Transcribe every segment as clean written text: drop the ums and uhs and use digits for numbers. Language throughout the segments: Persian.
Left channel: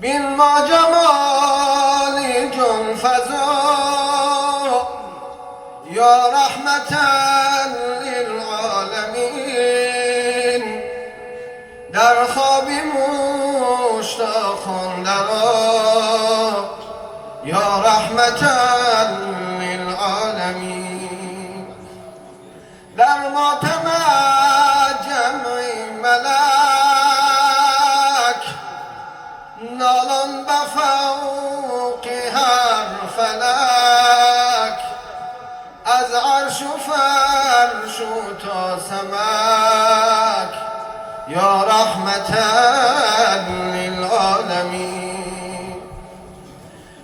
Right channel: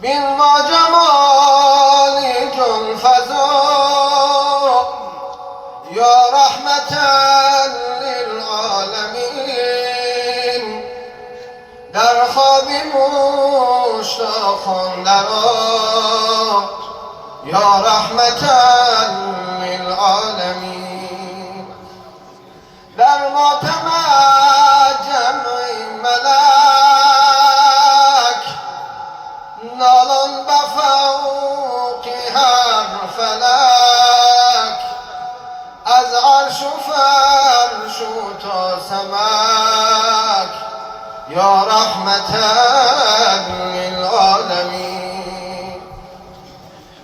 بین ما جمالی جان فزا یا رحمتا للعالمین، در خوابی مشتاقان درآ یا رحمتا للعالمین. در ماتم جمعی ملک نالان بفوق هر فلک، از عرش و فرش و تا سمک یا رحمتا للعالمین.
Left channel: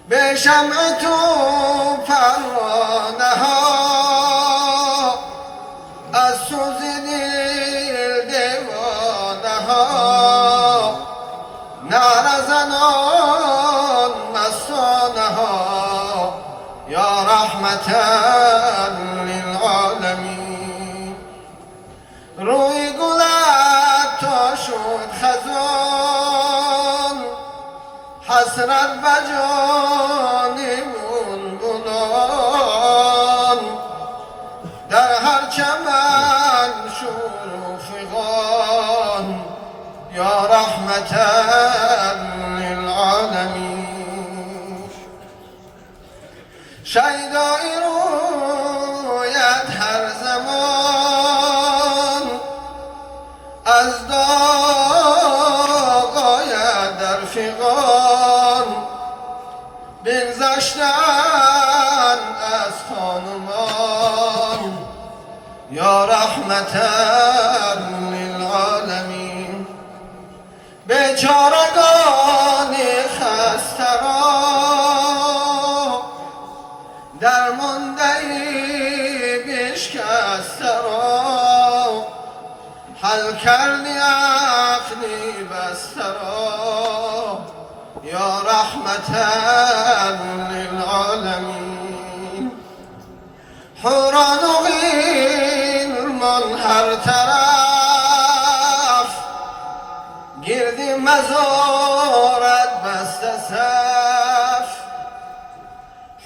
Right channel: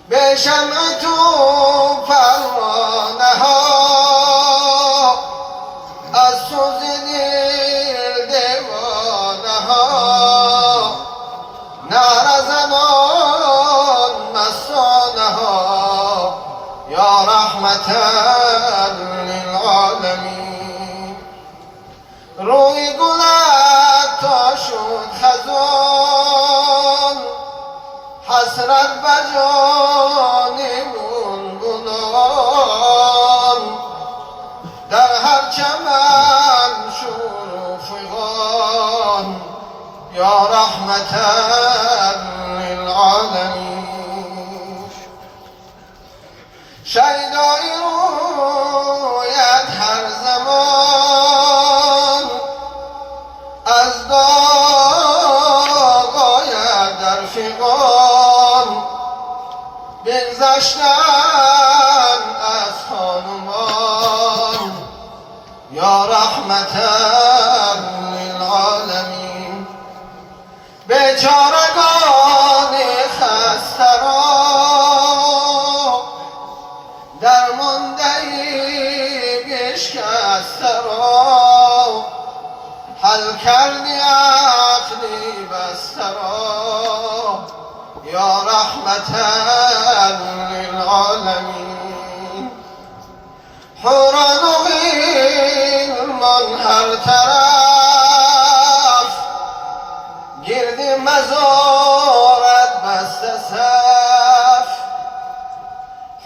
به شمع تو پروانه ها از سوز دل دیوانه ها، نعره زنان مستانه ها یا رحمتا للعالمین. روی گلت تا شد خزان، حسرت بجان منگنان، در هر چمن شور و فغان یا رحمتا للعالمین. شیدایی رویت هر زمان، از داغ آید در فغان، بگذشتن از خانمان یا رحمتا للعالمین. بیچارگان خسته را درمانده بشکسته را، حل کردی عقلی بسته را یا رحمتا للعالمین. حوران و غلمان هر طرف، گردی مزارت بسته صف.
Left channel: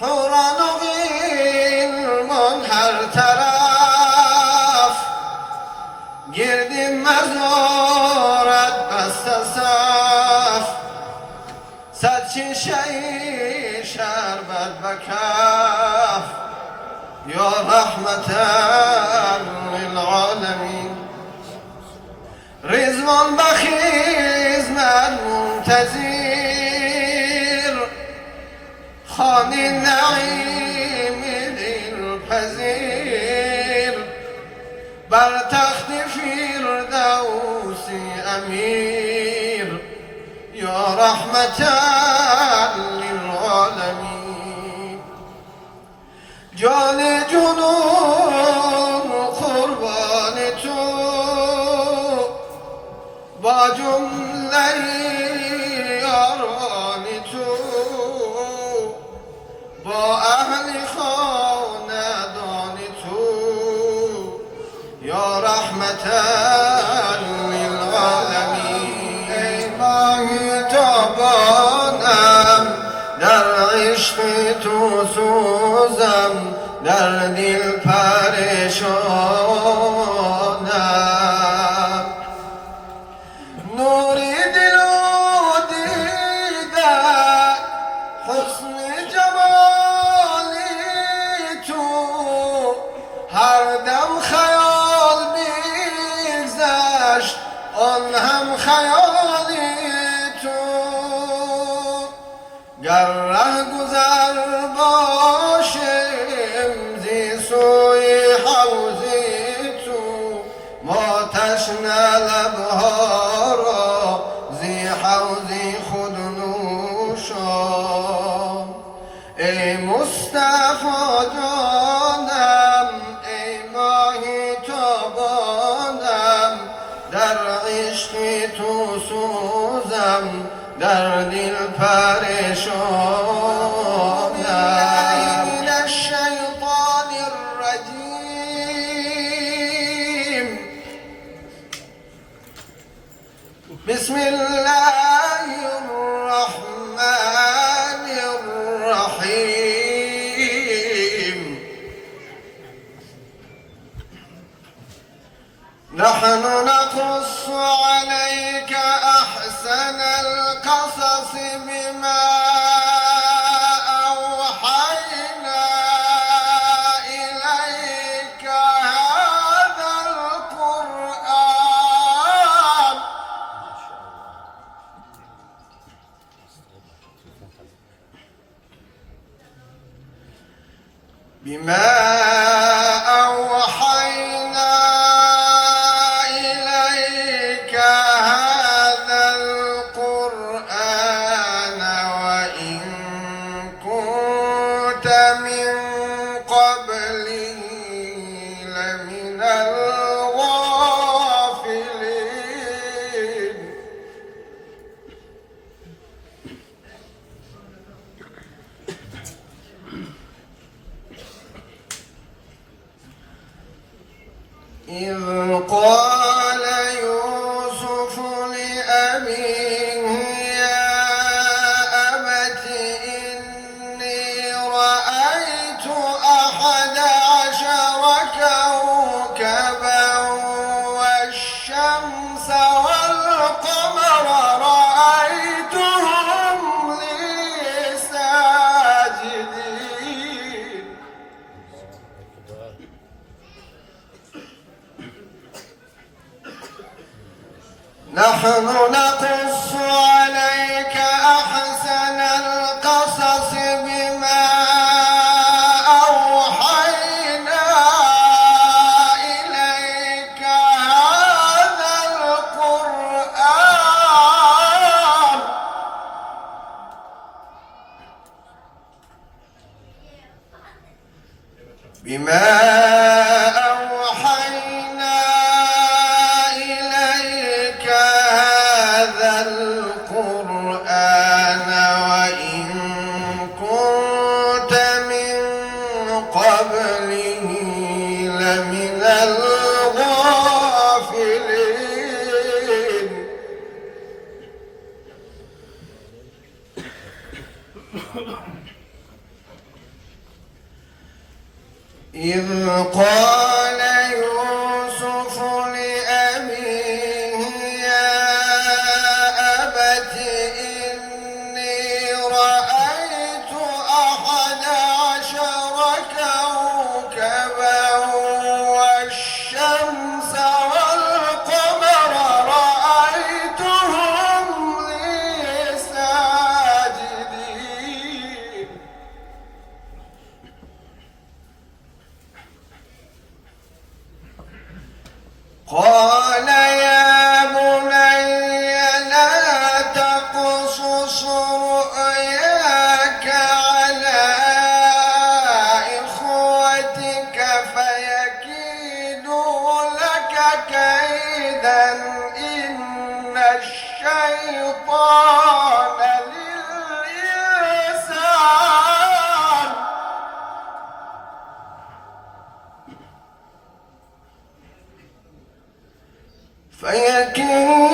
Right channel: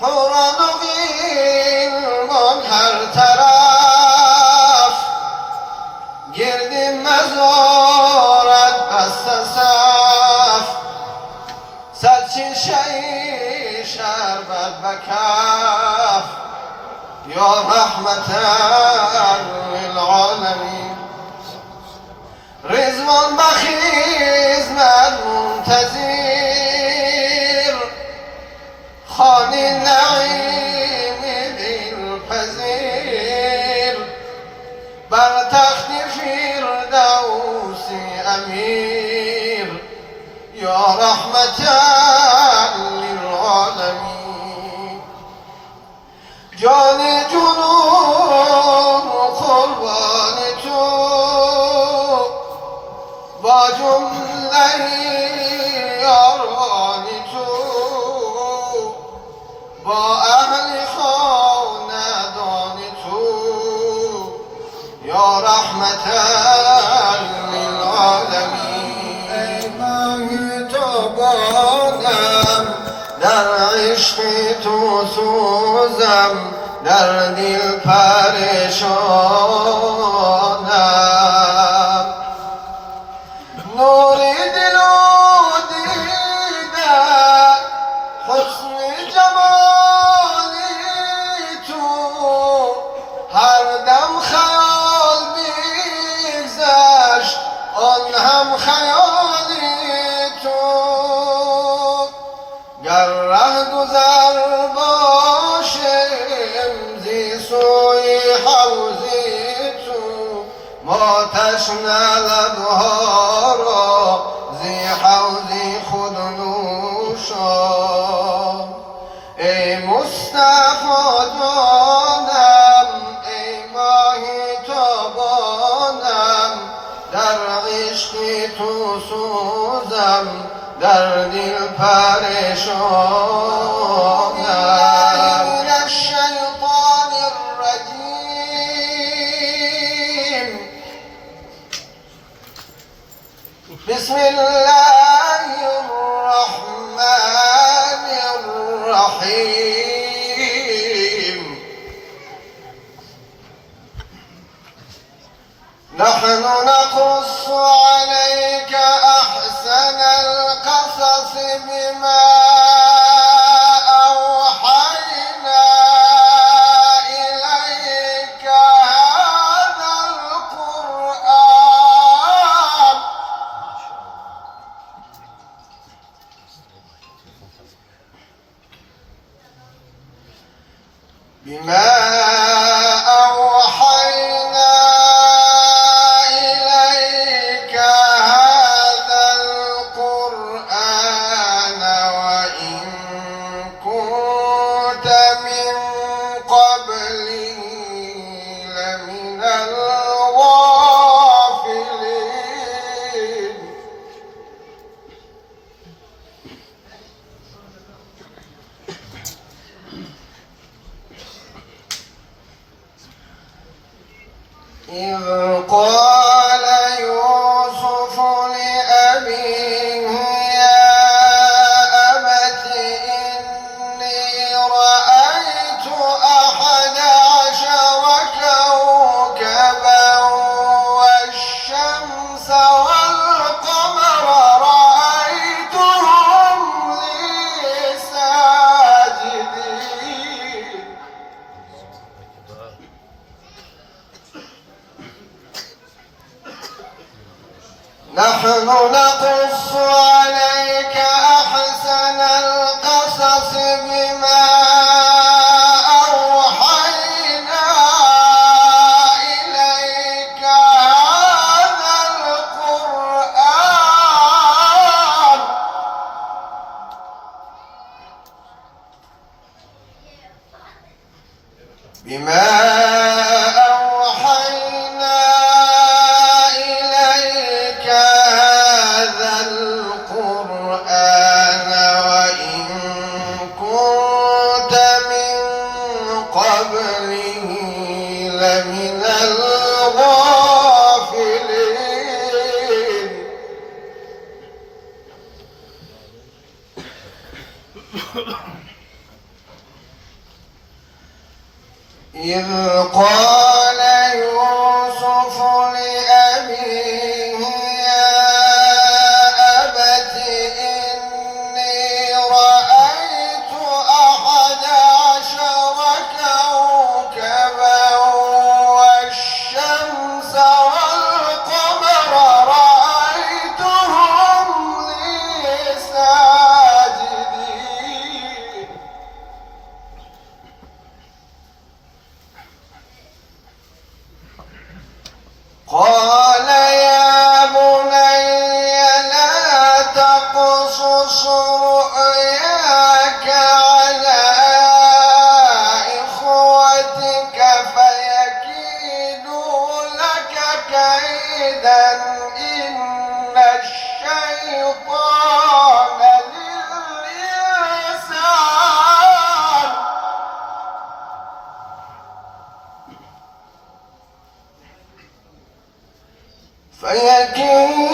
حوران و غلمان هر طرف، گردی مزارت بسته صف. صد شیشه شربت بکف یا رحمتا للعالمین. رضوان بخیزمت منتظر، خانه نعیم دلپذیر، بر تخت فردوسی امیر یا رحمتا للعالمین. جان جنون قربان تو، با جمله یاران تو، با اهل خاندان تو یا رحمتا للعالمین. ای ماهی تابانم، در عشق تو سوزم، در دل پریشانم. نور دل و دیده حسن جمالی تو، هر دم خیال میگذشت آن هم خیالی تو. گر ره گذر باشم زی سوی حوضی تو، ما تشنه لبها را زی حوضی خود نوشان. ای مصطفی جانم، ای ماهی تابانم، در عشق تو سوزم، در دل پریشانم. من الشیطان الرجیم. بسم الله الرحمن بما أوحينا إليك هذا القرآن وإن كنت من قبله لمن الغافلين إذ قال يوسف لأبيه يا أبت إني رأيت 11 كوكبا والشمس والقمر رأيتهم لي ساجدين نحن نقص عليك أحسن القصص بما أوحينا إليك هذا القرآن بما أوحينا إليك هذا القرآن وإن كنت من قبله لمن الغافلين إذ قال يوسف لأبيه يا أبت إني رأيت 11 كوكبا والشمس والقمر رأيتهم لي ساجدين قال يا بني لا تقصص رؤياك على إخوتك فيكيدوا لك كيدا إن الشيطان للإنسان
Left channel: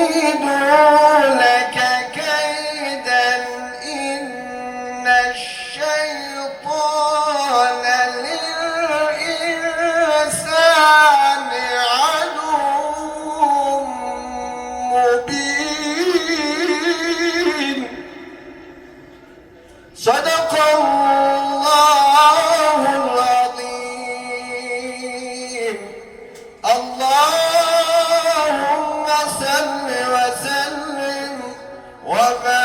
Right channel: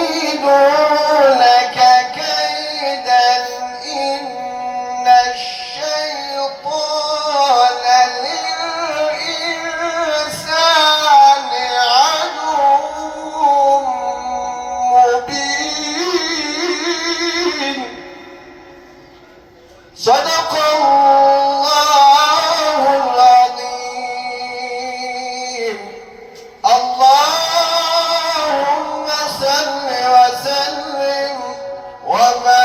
فيكيدوا لك كيدا إن الشيطان للإنسان عدو مبين صدق الله العظيم اللهم صل وسلم وبارك